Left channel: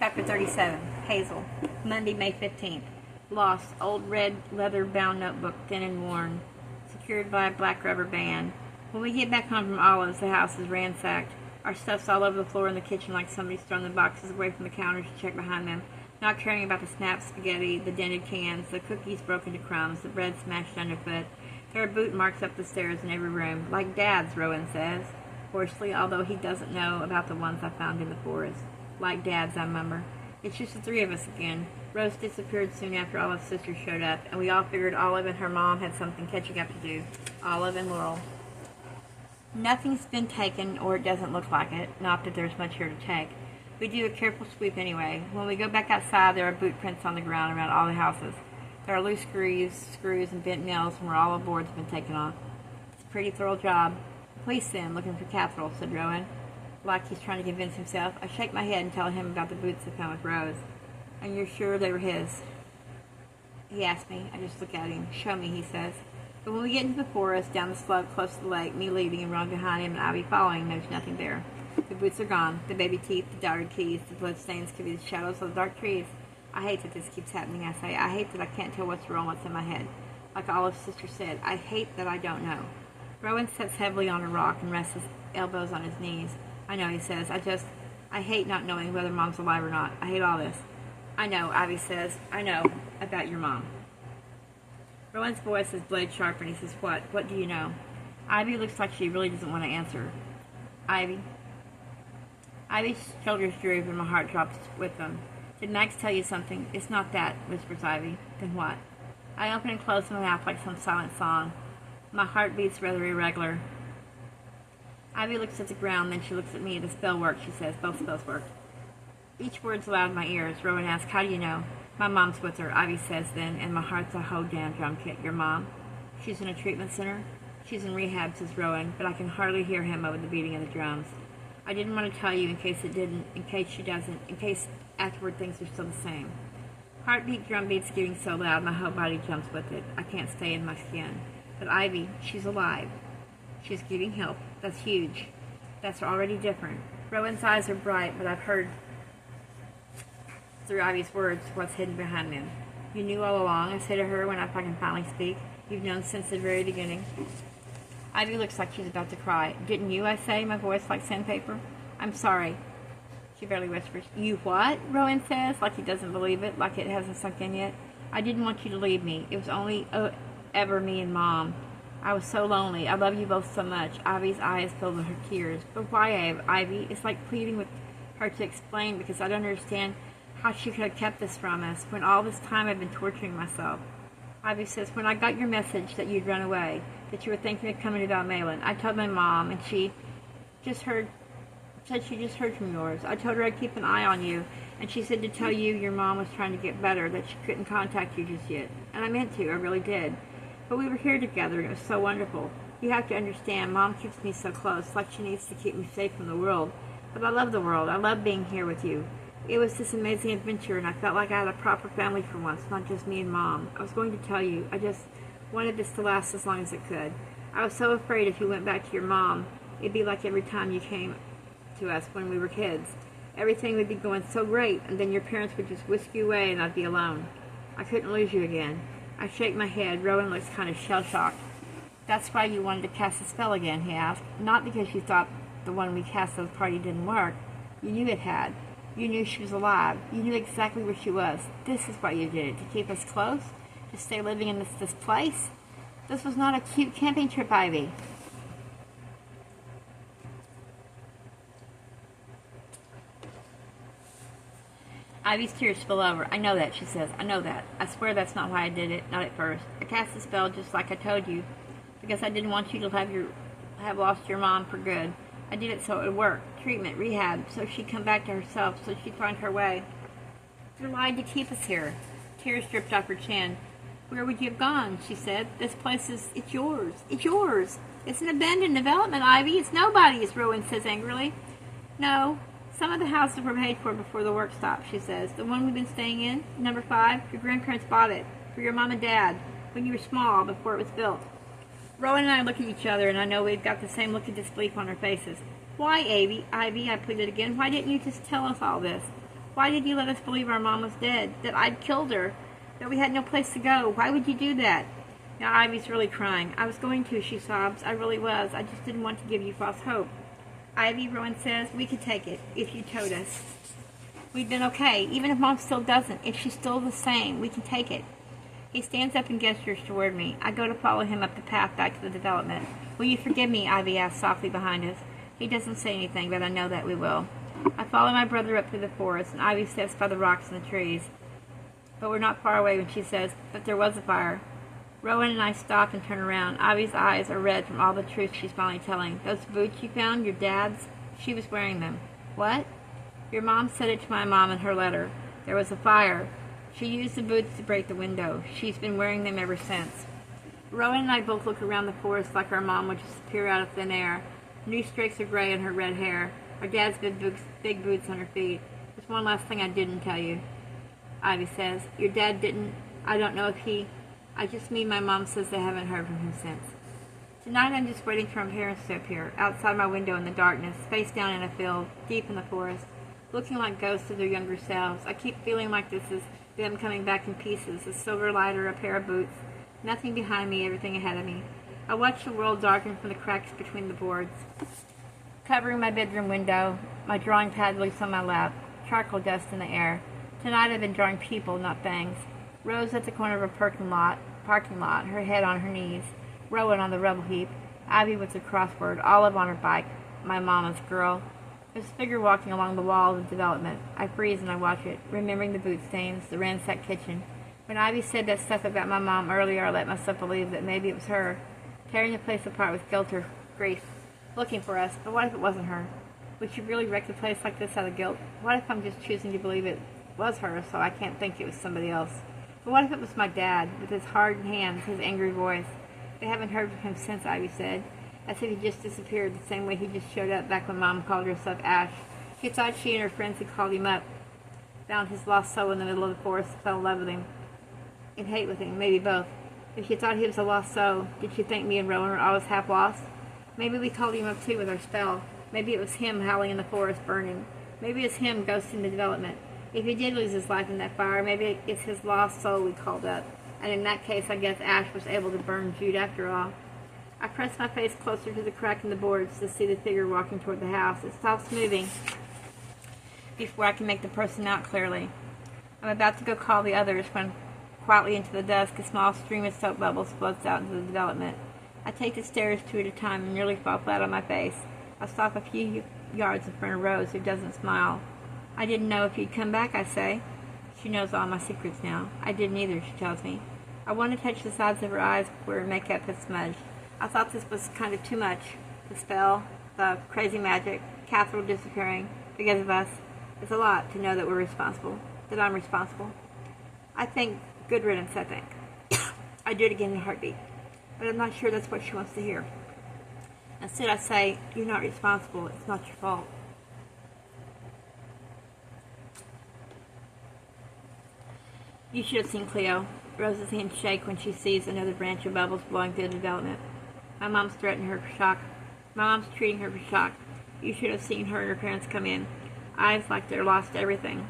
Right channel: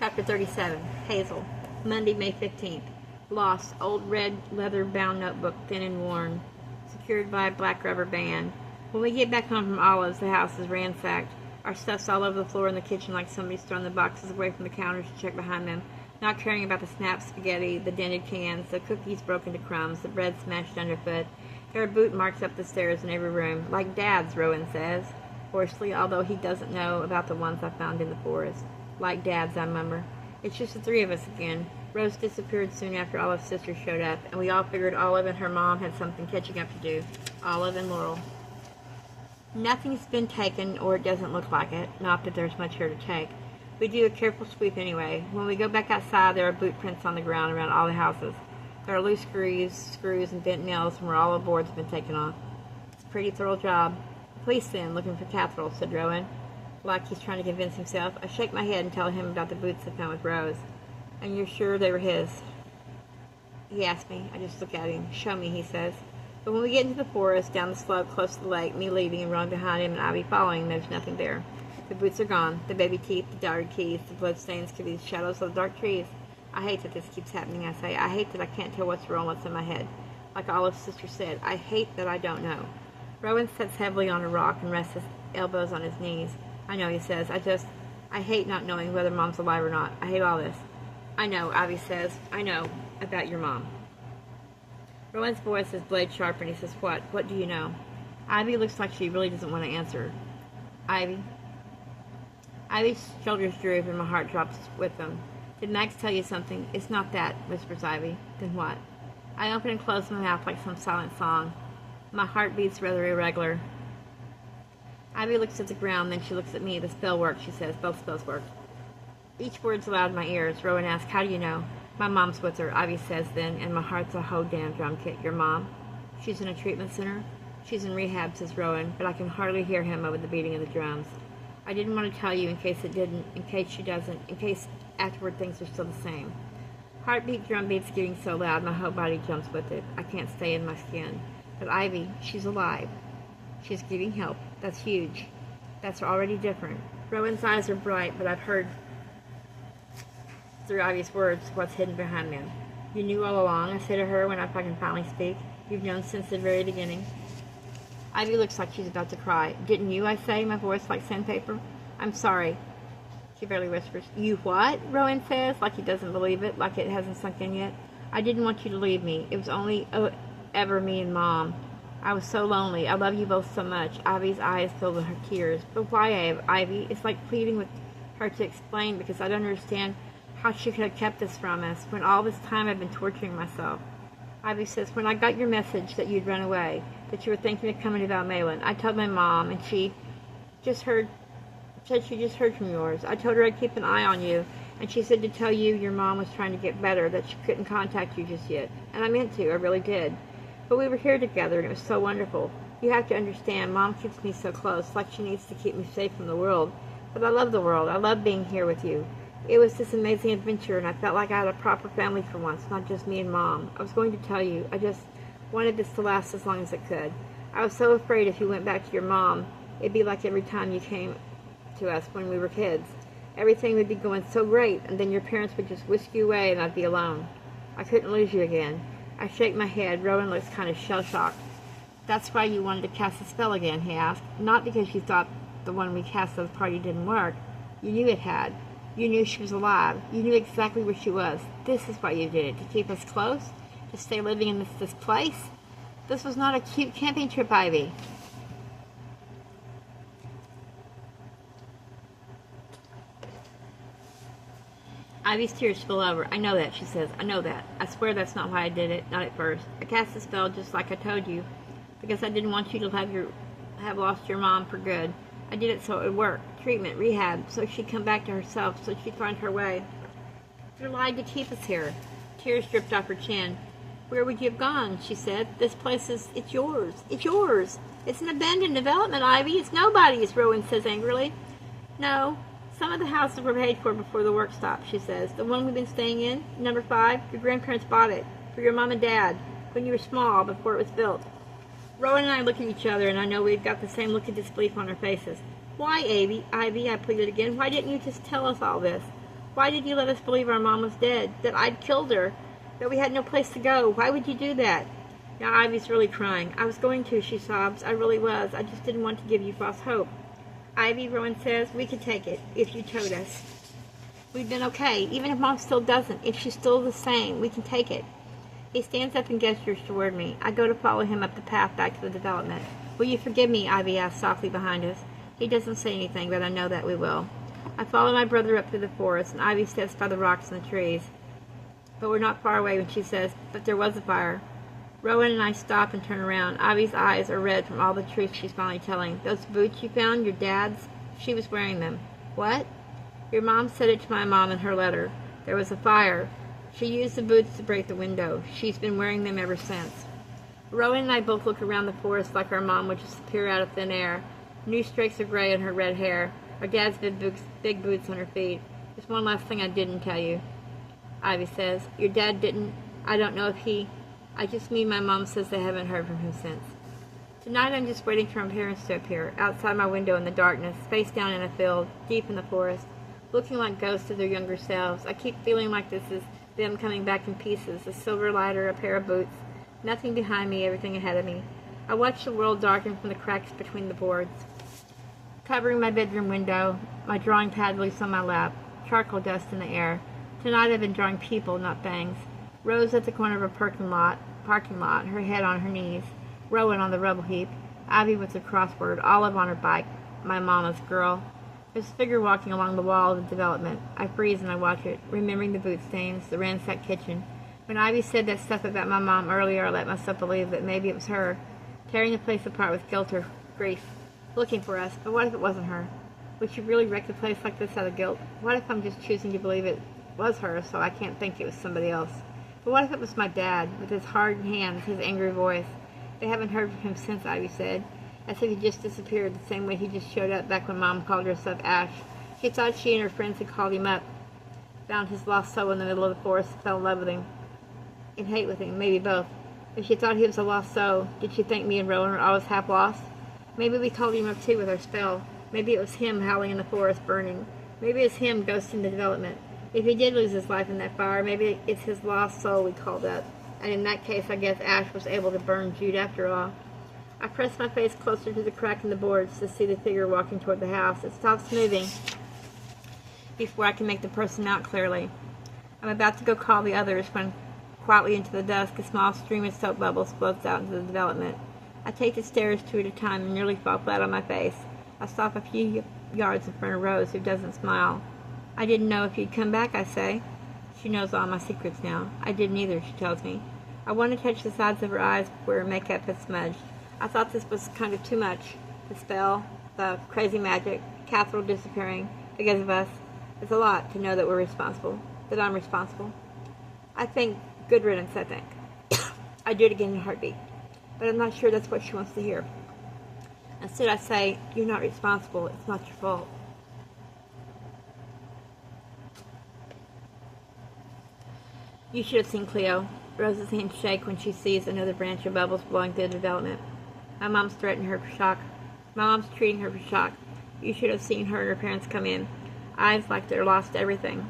Chapter 37. Hazel. Monday, May 15th. Lost. Old red leather-bound notebook, thin and worn, secured by a black rubber band. When we get back home from Olive's, the house is ransacked. Our stuff's all over the floor in the kitchen like somebody's thrown the boxes away from the counters to check behind them, not caring about the snapped spaghetti, the dented cans, the cookies broken to crumbs, the bread smashed underfoot. There are boot marks up the stairs in every room, like Dad's, Rowan says, hoarsely, although he doesn't know about the ones I found in the forest. Like Dad's, I murmur. It's just the three of us again. Rose disappeared soon after Olive's sister showed up, and we all figured Olive and her mom had something catching up to do. Olive and Laurel. Nothing's been taken, or it doesn't look like it. Not that there's much here to take. We do a careful sweep anyway. When we go back outside, there are boot prints on the ground around all the houses. There are loose screws, and bent nails from where all the boards have been taken off. It's a pretty thorough job. Police then, looking for Catherall, said Rowan, like he's trying to convince himself. I shake my head and tell him about the boots I found with Rose. And you're sure they were his? He asks me. I just look at him. Show me, he says. But when we get into the forest, down the slope close to the lake, me leaving and Ron behind him and Ivy following, there's nothing there. The boots are gone. The baby teeth, the diary keys, the bloodstains could be the shadows of the dark trees. I hate that this keeps happening, I say. I hate that I can't tell what's wrong, what's in my head. Like Olive's sister said, I hate that I don't know. Rowan sits heavily on a rock and rests his elbows on his knees. I know, he says. I hate not knowing whether Mom's alive or not. I hate all this. I know, Ivy says. I know about your mom. Rowan's voice is blade sharp, and he says, What? What do you know? Ivy looks like she really doesn't want to answer. Ivy? Ivy's shoulders droop, and my heart drops with them. Did Max tell you something? It's not that, whispers Ivy. Then what? I open and close my mouth like some silent song. My heart beats rather irregular. Ivy looks at the ground, then she looks at me. The spell works, she says. Both spells work. Each word's loud in my ears. Rowan asks, How do you know? My mom's with her, Ivy says then, and my heart's a whole damn drum kit. Your mom? She's in a treatment center? She's in rehab, says Rowan, but I can hardly hear him over the beating of the drums. I didn't want to tell you in case it didn't, in case she doesn't, in case afterward things are still the same. Heartbeat, drum beats getting so loud my whole body jumps with it. I can't stay in my skin. But Ivy, she's alive. She's getting help. That's huge. That's already different. Rowan's eyes are bright, but I've heard through Ivy's words what's hidden behind them. You knew all along, I say to her when I can finally speak. You've known since the very beginning. Ivy looks like she's about to cry. Didn't you, I say, my voice like sandpaper? I'm sorry. She barely whispers. You what? Rowan says, like he doesn't believe it, like it hasn't sunk in yet. I didn't want you to leave me. It was only ever me and Mom. I was so lonely. I love you both so much. Ivy's eyes filled with her tears. But why, Ivy? It's like pleading with her to explain, because I don't understand how she could have kept this from us when all this time I've been torturing myself. Ivy says, when I got your message that you'd run away, that you were thinking of coming to Valmalyn, I told my mom, and she said she just heard from yours. I told her I'd keep an eye on you, and she said to tell you your mom was trying to get better, that she couldn't contact you just yet. And I meant to, I really did. But we were here together, and it was so wonderful. You have to understand, Mom keeps me so close, like she needs to keep me safe from the world. But I love the world. I love being here with you. It was this amazing adventure, and I felt like I had a proper family for once, not just me and Mom. I was going to tell you. I just wanted this to last as long as it could. I was so afraid if you went back to your mom, it'd be like every time you came to us when we were kids. Everything would be going so great, and then your parents would just whisk you away, and I'd be alone. I couldn't lose you again. I shake my head. Rowan looks kind of shell-shocked. That's why you wanted to cast a spell again, he asked. Not because you thought the one we cast at the party didn't work. You knew it had. You knew she was alive. You knew exactly where she was. This is why you did it, to keep us close, to stay living in this place. This was not a cute camping trip, Ivy. Ivy's tears spill over. I know that, she says. I know that. I swear that's not why I did it, not at first. I cast the spell just like I told you, because I didn't want you to have lost your mom for good. I did it so it would work. Treatment, rehab, so she'd come back to herself, so she'd find her way. You lied to keep us here. Tears dripped off her chin. Where would you have gone? She said. This place it's yours. It's yours. It's an abandoned development, Ivy. It's nobody's, Rowan says angrily. No. Some of the houses were paid for before the work stopped, she says. The one we've been staying in, number 5, your grandparents bought it for your mom and dad when you were small, before it was built. Rowan and I look at each other, and I know we've got the same look of disbelief on our faces. Why, Ivy, I pleaded again. Why didn't you just tell us all this? Why did you let us believe our mom was dead? That I'd killed her? That we had no place to go? Why would you do that? Now Ivy's really crying. I was going to, she sobs. I really was. I just didn't want to give you false hope. Ivy, Rowan says, we could take it if you told us. We've been okay. Even if Mom still doesn't, if she's still the same, we can take it. He stands up and gestures toward me. I go to follow him up the path back to the development. Will you forgive me? Ivy asks softly behind us. He doesn't say anything, but I know that we will. I follow my brother up through the forest, and Ivy sits by the rocks and the trees. But we're not far away when she says, but there was a fire. Rowan and I stop and turn around. Ivy's eyes are red from all the truth she's finally telling. Those boots you found, your dad's? She was wearing them. What? Your mom said it to my mom in her letter. There was a fire. She used the boots to break the window. She's been wearing them ever since. Rowan and I both look around the forest like our mom would just appear out of thin air. New streaks of gray in her red hair. Our dad's big boots on her feet. There's one last thing I didn't tell you. Ivy says, your dad didn't. I don't know if he. I just mean my mom says they haven't heard from him since. Tonight I'm just waiting for my parents to appear, outside my window in the darkness, face down in a field, deep in the forest, looking like ghosts of their younger selves. I keep feeling like this is them coming back in pieces, a silver lighter, a pair of boots, nothing behind me, everything ahead of me. I watch the world darken from the cracks between the boards. Covering my bedroom window, my drawing pad loose on my lap, charcoal dust in the air. Tonight I've been drawing people, not things. Rose at the corner of a parking lot, her head on her knees. Rowan on the rubble heap. Ivy with the crossword, Olive on her bike, my mama's girl. There's a figure walking along the wall of the development. I freeze and I watch it, remembering the boot stains, the ransacked kitchen. When Ivy said that stuff about my mom earlier, I let myself believe that maybe it was her, tearing the place apart with guilt or grief, looking for us. But what if it wasn't her? Would she really wreck the place like this out of guilt? What if I'm just choosing to believe it was her, so I can't think it was somebody else? But what if it was my dad, with his hard hands, his angry voice? They haven't heard from him since, Ivy said, as if he just disappeared the same way he just showed up back when Mom called herself Ash. She thought she and her friends had called him up, found his lost soul in the middle of the forest, fell in love with him, in hate with him, maybe both. If she thought he was a lost soul, did she think me and Rowan were always half lost? Maybe we called him up too with our spell. Maybe it was him howling in the forest, burning. Maybe it's him ghosting the development. If he did lose his life in that fire, maybe it's his lost soul we called up. And in that case, I guess Ash was able to burn Jude after all. I press my face closer to the crack in the boards to see the figure walking toward the house. It stops moving before I can make the person out clearly. I'm about to go call the others when, quietly into the dusk, a small stream of soap bubbles floats out into the development. I take the stairs 2 at a time and nearly fall flat on my face. I stop a few yards in front of Rose, who doesn't smile. I didn't know if you'd come back, I say. She knows all my secrets now. I didn't either, she tells me. I want to touch the sides of her eyes where her makeup had smudged. I thought this was kind of too much. The spell, the crazy magic, Catherine disappearing because of us. It's a lot to know that we're responsible, that I'm responsible. I think good riddance, I think. I do it again in a heartbeat. But I'm not sure that's what she wants to hear. Instead I say, you're not responsible, it's not your fault. You should have seen Cleo. Rose's hands shake when she sees another branch of bubbles blowing through the development. My mom's threatening her for shock. My mom's treating her for shock. You should have seen her and her parents come in. Eyes like they're lost everything.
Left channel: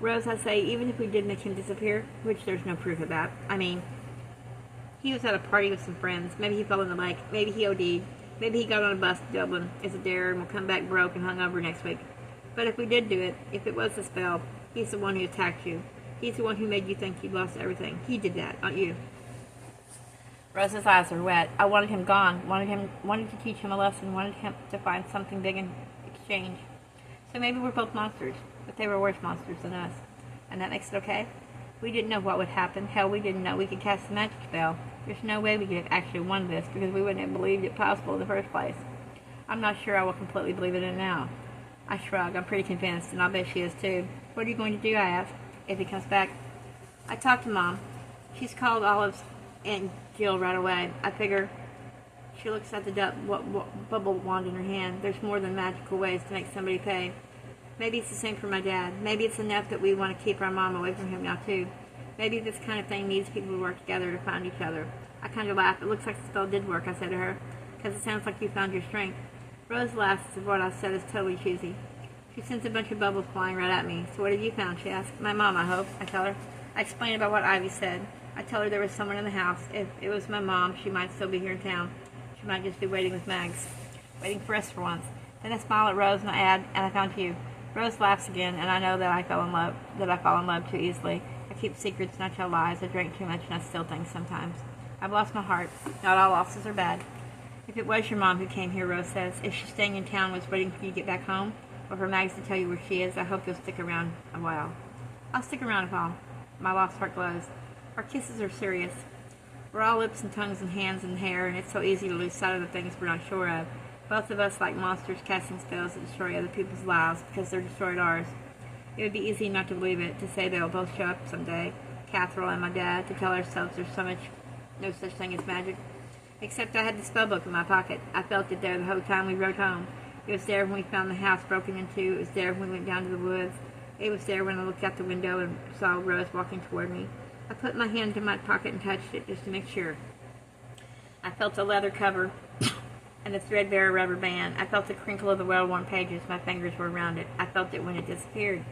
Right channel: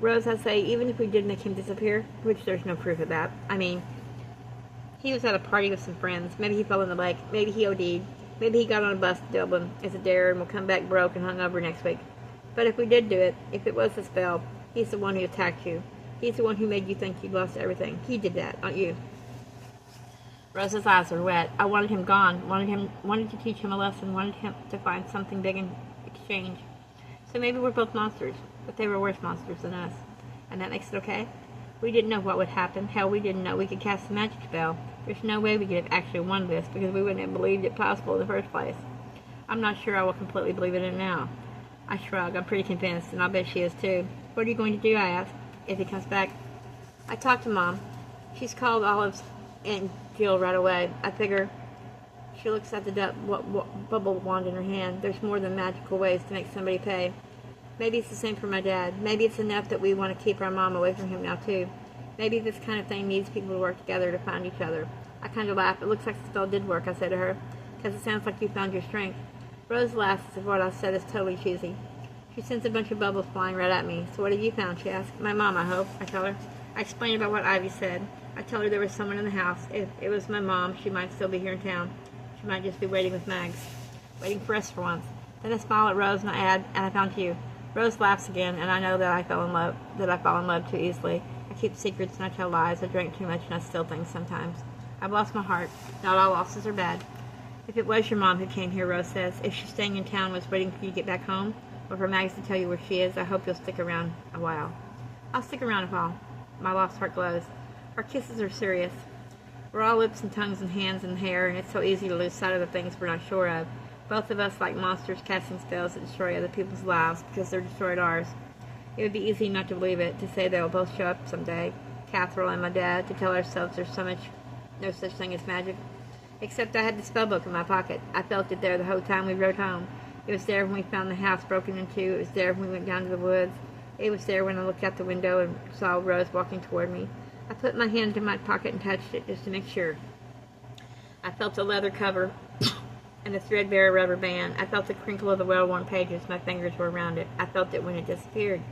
Rose, I say, even if we did make him disappear, which there's no proof of that. I mean, he was at a party with some friends. Maybe he fell in the lake. Maybe he OD'd. Maybe he got on a bus to Dublin as a dare and will come back broke and hungover next week. But if we did do it, if it was a spell, he's the one who attacked you. He's the one who made you think you'd lost everything. He did that, not you. Rose's eyes are wet. I wanted him gone. Wanted to teach him a lesson. Wanted him to find something big in exchange. So maybe we're both monsters, but they were worse monsters than us. And that makes it okay? We didn't know what would happen. Hell, we didn't know we could cast a magic spell. There's no way we could have actually won this because we wouldn't have believed it possible in the first place. I'm not sure I will completely believe in it now. I shrug. I'm pretty convinced, and I'll bet she is too. What are you going to do, I ask, if he comes back? I talked to Mom. She's called Olive's Aunt Jill right away. I figure. She looks at the bubble wand in her hand. There's more than magical ways to make somebody pay. Maybe it's the same for my dad. Maybe it's enough that we want to keep our mom away from him now, too. Maybe this kind of thing needs people to work together to find each other. I kind of laugh. It looks like the spell did work, I said to her, because it sounds like you found your strength. Rose laughs as if what I said is totally cheesy. She sends a bunch of bubbles flying right at me. So what have you found? She asks. My mom, I hope. I tell her. I explain about what Ivy said. I tell her there was someone in the house. If it was my mom, she might still be here in town. She might just be waiting with Mags. Waiting for us for once. Then I smile at Rose and I add, and I found you. Rose laughs again, and I know that I fall in love too easily. I keep secrets and I tell lies. I drink too much and I steal things sometimes. I've lost my heart. Not all losses are bad. If it was your mom who came here, Rose says, if she's staying in town was waiting for you to get back home, or for Mags to tell you where she is, I hope you'll stick around a while. I'll stick around if all. My lost heart glows. Our kisses are serious. We're all lips and tongues and hands and hair, and it's so easy to lose sight of the things we're not sure of. Both of us like monsters casting spells that destroy other people's lives because they're destroyed ours. It would be easy not to believe it, to say they'll both show up someday, Catherine and my dad, to tell ourselves there's no such thing as magic. Except I had the spellbook in my pocket. I felt it there the whole time we rode home. It was there when we found the house broken into. It was there when we went down to the woods. It was there when I looked out the window and saw Rose walking toward me. I put my hand in my pocket and touched it just to make sure. I felt the leather cover and the threadbare rubber band. I felt the crinkle of the well-worn pages. My fingers were around it. I felt it when it disappeared.